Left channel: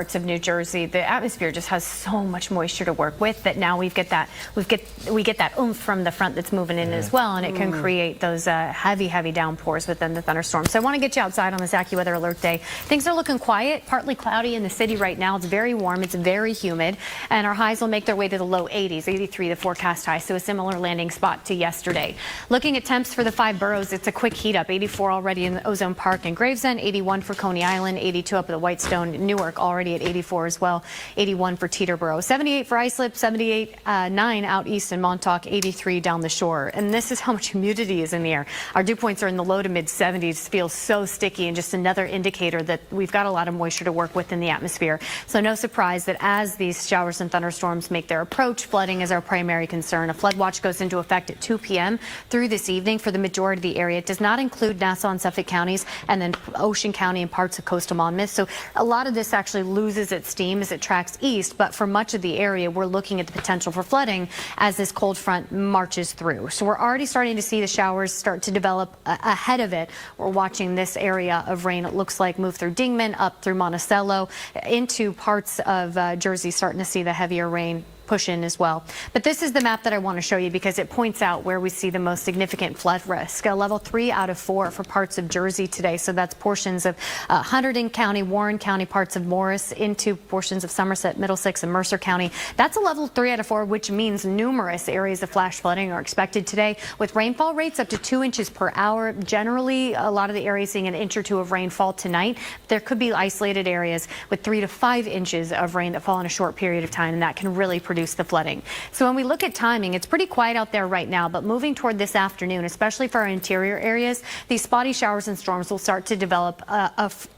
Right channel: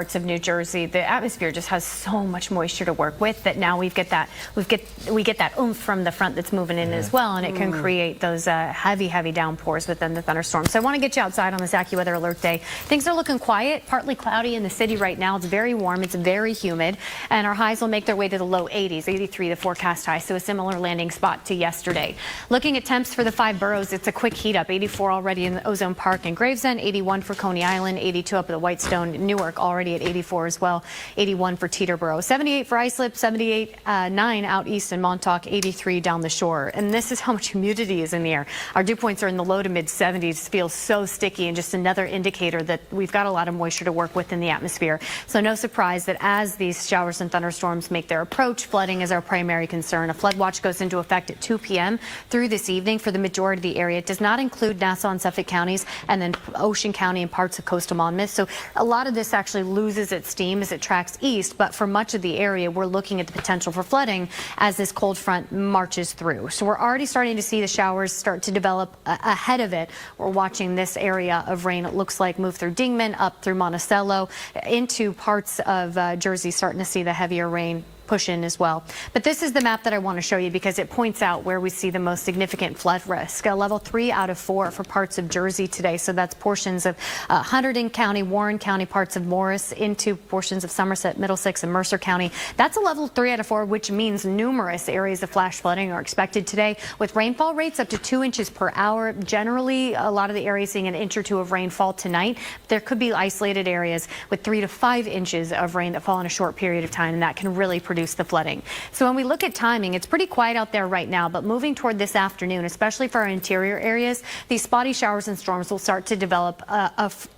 Parts of New Jersey, the atmosphere just has so much moisture to work with that now we get that oomph from the front that's moving in as well, and it can create those heavy downpours within the thunderstorms. So I want to get you outside on this AccuWeather alert day. Things are looking quiet, partly cloudy in the city right now. It's very warm, it's very humid, and our highs will make their way to the low 80s, 83 the forecast high, so a similar landing spot to yesterday. Looking at temps for the 5 boroughs, it's a quick heat up. 84 already in the Ozone Park and Gravesend, 81 for Coney Island, 82 up at the Whitestone, Newark already at 84 as well, 81 for Teterboro, 78 for Islip, 78, 9 out east in Montauk, 83 down the shore. And this is how much humidity is in the air. Our dew points are in the low to mid 70s, feels so sticky, and just another indicator that we've got a lot of moisture to work with in the atmosphere. So no surprise that as these showers and thunderstorms make their approach, flooding is our primary concern. A flood watch goes into effect at 2 p.m. through this evening for the majority of the area. It does not include Nassau and Suffolk counties, and then Ocean County and parts of coastal Monmouth. So a lot of this actually loses its steam as it tracks east, but for much of the area, we're looking at the potential for flooding as this cold front marches through. So we're already starting to see the showers start to develop ahead of it. We're watching this area of rain, it looks like, move through Dingman, up through Monticello, into parts of Jersey, starting to see the heavier rain push in as well. But this is the map that I want to show you because it points out where we see the most significant flood risk. A level 3 out of 4 for parts of Jersey today. So that's portions of Hunterdon County, Warren County, parts of Morris, into portions of Somerset, Middlesex, and Mercer County. That's a level 3 out of 4, which means numerous areas of flash flooding are expected today, with rainfall rates up to 2 inches per hour. Generally, a lot of the areas seeing an inch or two of rainfall tonight. There could be isolated areas with 3 to 5 inches of rain that fall in a short period of time, and that can really produce the flooding. So when we look at timing, it's pretty quiet out there right now, but moving toward this afternoon, especially for our interior areas, these spotty showers and storms will start to develop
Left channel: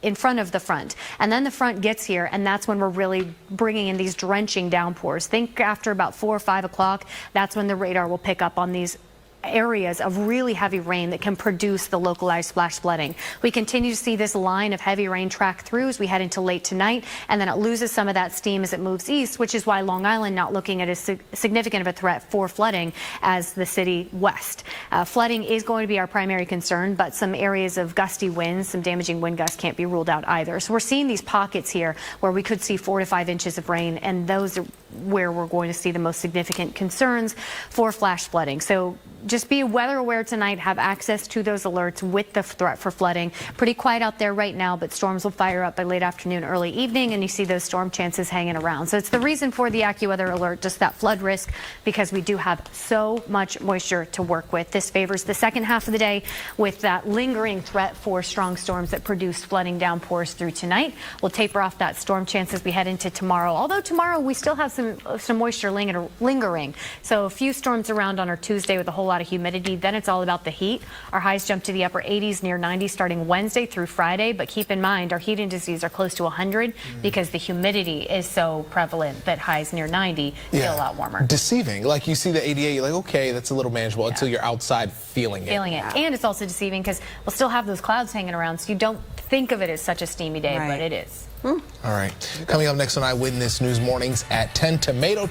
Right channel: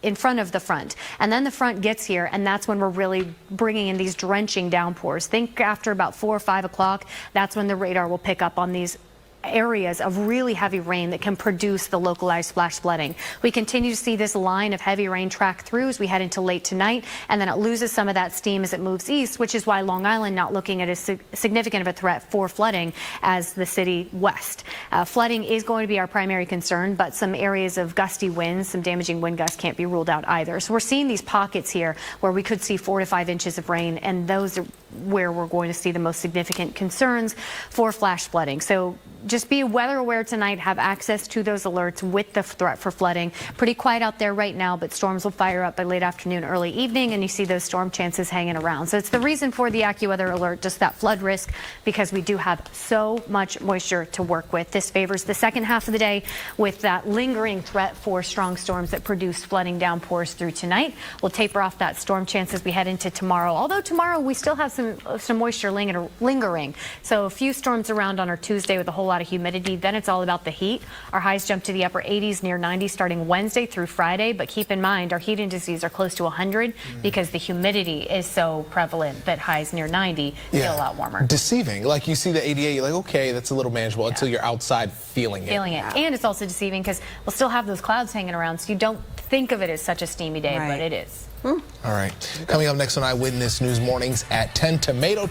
in front of the front. And then the front gets here, and that's when we're really bringing in these drenching downpours. Think after about 4 or 5 o'clock, that's when the radar will pick up on these areas of really heavy rain that can produce the localized flash flooding. We continue to see this line of heavy rain track through as we head into late tonight, and then it loses some of that steam as it moves east, which is why Long Island not looking at as significant of a threat for flooding as the city west. Flooding is going to be our primary concern, but some areas of gusty winds, some damaging wind gusts can't be ruled out either. So we're seeing these pockets here where we could see 4 to 5 inches of rain, and those are where we're going to see the most significant concerns for flash flooding. So just be weather aware tonight, have access to those alerts with the threat for flooding. Pretty quiet out there right now, but storms will fire up by late afternoon, early evening, and you see those storm chances hanging around. So it's the reason for the AccuWeather alert, just that flood risk, because we do have so much moisture to work with. This favors the second half of the day with that lingering threat for strong storms that produce flooding downpours through tonight. We'll taper off that storm chance as we head into tomorrow, although tomorrow we still have some moisture lingering. So a few storms around on our Tuesday with a whole lot of humidity. Then it's all about the heat. Our highs jump to the upper 80s, near 90 starting Wednesday through Friday. But keep in mind, our heat indices are close to 100 because the humidity is so prevalent that highs near 90 feel a lot warmer. Deceiving. Like you see the 88, you're like, okay, that's a little manageable until you're outside feeling it. And it's also deceiving because we'll still have those clouds hanging around, so you don't think of it as such a steamy day, but it is. All right. Coming up next on Eyewitness News Mornings at 10, tomato.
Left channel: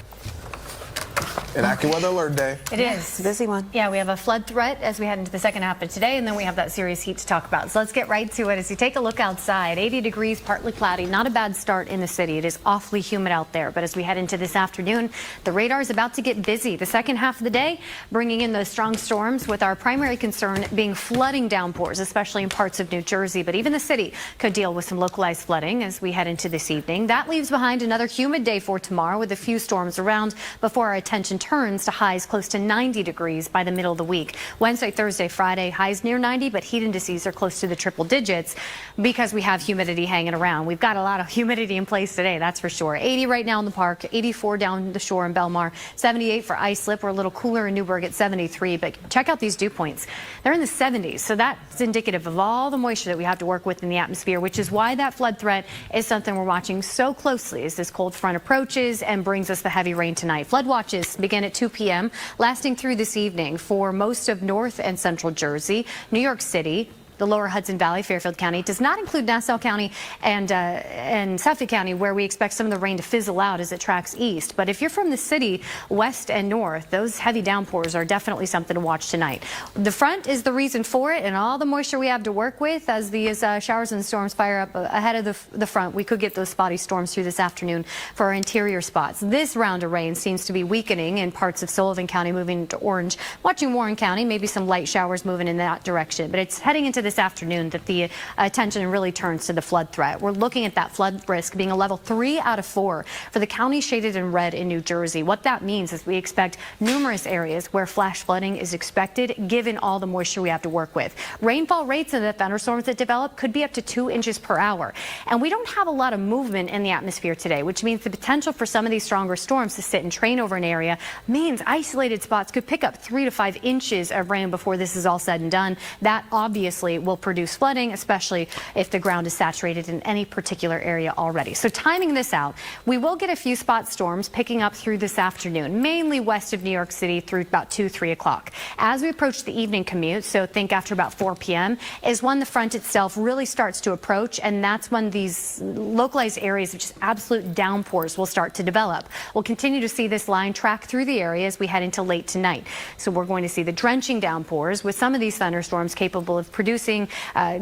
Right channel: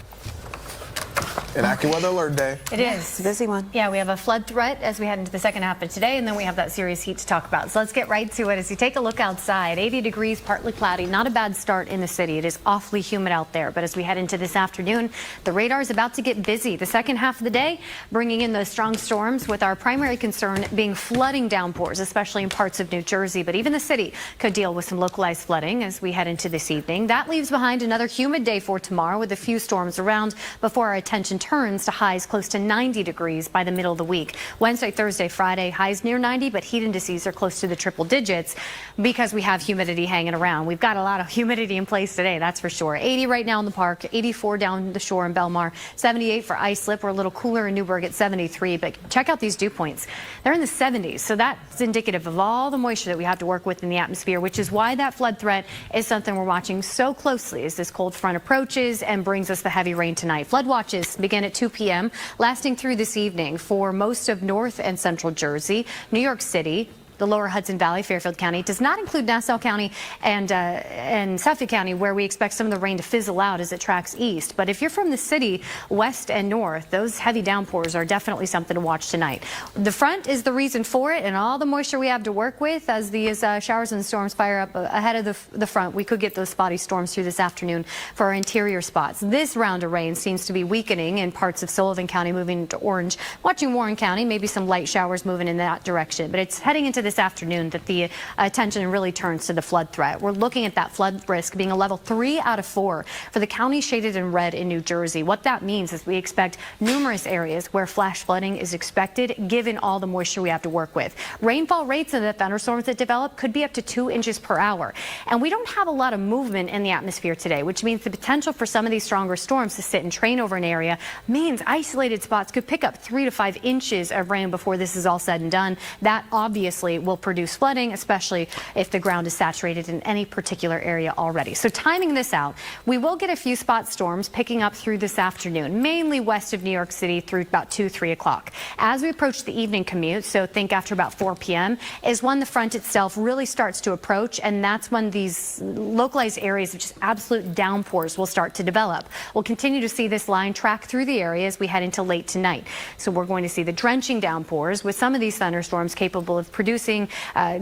An AccuWeather alert day. It is. Busy one. Yeah, we have a flood threat as we head into the second half of today, and then we have that serious heat to talk about. So let's get right to it. As you take a look outside, 80 degrees, partly cloudy, not a bad start in the city. It is awfully humid out there, but as we head into this afternoon, the radar is about to get busy. The second half of the day, bringing in those strong storms, with our primary concern being flooding downpours, especially in parts of New Jersey. But even the city could deal with some localized flooding as we head into this evening. That leaves behind another humid day for tomorrow with a few storms around before our attention turns to highs close to 90 degrees by the middle of the week. Wednesday, Thursday, Friday, highs near 90, but heat indices are close to the triple digits because we have humidity hanging around. We've got a lot of humidity in place today, that's for sure. 80 right now in the park, 84 down the shore in Belmar, 78 for Islip. We're a little cooler in Newburgh at 73, but check out these dew points. They're in the 70s, so that's indicative of all the moisture that we have to work with in the atmosphere, which is why that flood threat is something we're watching so closely as this cold front approaches and brings us the heavy rain tonight. Flood watches begin at 2 p.m., lasting through this evening for most of North and Central Jersey, New York City, the lower Hudson Valley, Fairfield County. It does not include Nassau County and Suffolk County, where we expect some of the rain to fizzle out as it tracks east. But if you're from the city, west and north, those heavy downpours are definitely something to watch tonight. The front is the reason for it, and all the moisture we have to work with as these showers and storms fire up ahead of the front. We could get those spotty storms through this afternoon for our interior spots. This round of rain seems to be weakening in parts of Sullivan County, moving into orange. Watching Warren County, maybe some light showers moving in that direction. But it's heading into this afternoon that the attention really turns to the flood threat. We're looking at that flood risk being a level 3 out of 4 for the county shaded in red in New Jersey. What that means is we expect numerous areas where flash flooding is expected, given all the moisture we have to work with. Rainfall rates in the thunderstorms that develop could be up to 2 inches per hour. And we don't have a lot of movement in the atmosphere today, which means the potential for some of these stronger storms to sit and train over an area means isolated spots could pick up 3 to 5 inches of rain before this is all said and done. That obviously will produce flooding, especially if the ground is saturated in any particular area already. So timing this out, we will get a few spot storms picking up through this afternoon, mainly west of New York City through about 2, 3 o'clock. As we approach the evening commute, so think after about 4 p.m., is when the front itself really starts to approach, and that's when these localized areas of just absolute downpours will start to develop. We'll continue to see this line track through the area as we head into late tonight. So we're going to see the drenching downpours with some of these thunderstorms capable of producing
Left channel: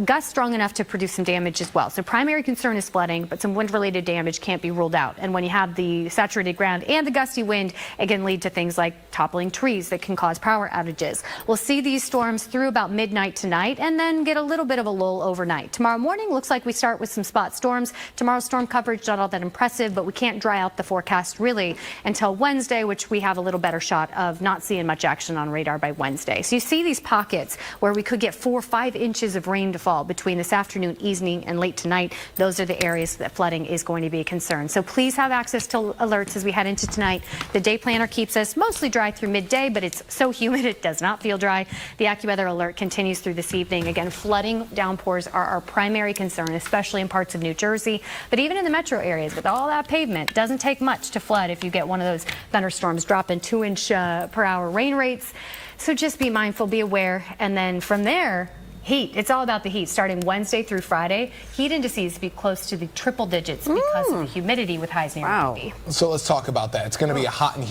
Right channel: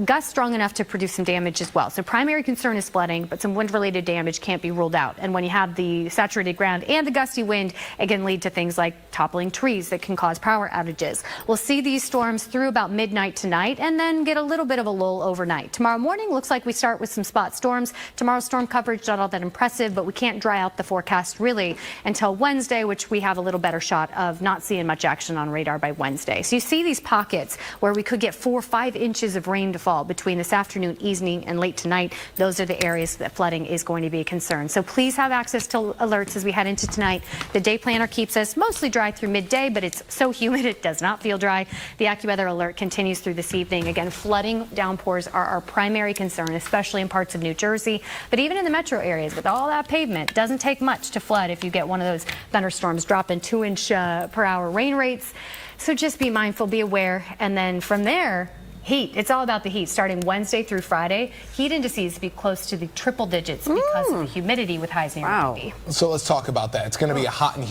gusts strong enough to produce some damage as well. So primary concern is flooding, but some wind-related damage can't be ruled out. And when you have the saturated ground and the gusty wind, it can lead to things like toppling trees that can cause power outages. We'll see these storms through about midnight tonight and then get a little bit of a lull overnight. Tomorrow morning looks like we start with some spot storms. Tomorrow's storm coverage not all that impressive, but we can't dry out the forecast really until Wednesday, which we have a little better shot of not seeing much action on radar by Wednesday. So you see these pockets where we could get 4 or 5 inches of rain to fall between this afternoon, evening, and late tonight. Those are the areas that flooding is going to be a concern. So please have access to alerts as we head into tonight. The day planner keeps us mostly dry through midday, but it's so humid it does not feel dry. The AccuWeather alert continues through this evening. Again, flooding downpours are our primary concern, especially in parts of New Jersey. But even in the metro areas, with all that pavement, it doesn't take much to flood if you get one of those thunderstorms dropping 2-inch per hour rain rates. So just be mindful, be aware, and then from there, heat. It's all about the heat. Starting Wednesday through Friday, heat indices be close to the triple digits because of the humidity with highs near 90. So let's talk about that. It's going to be a hot and humid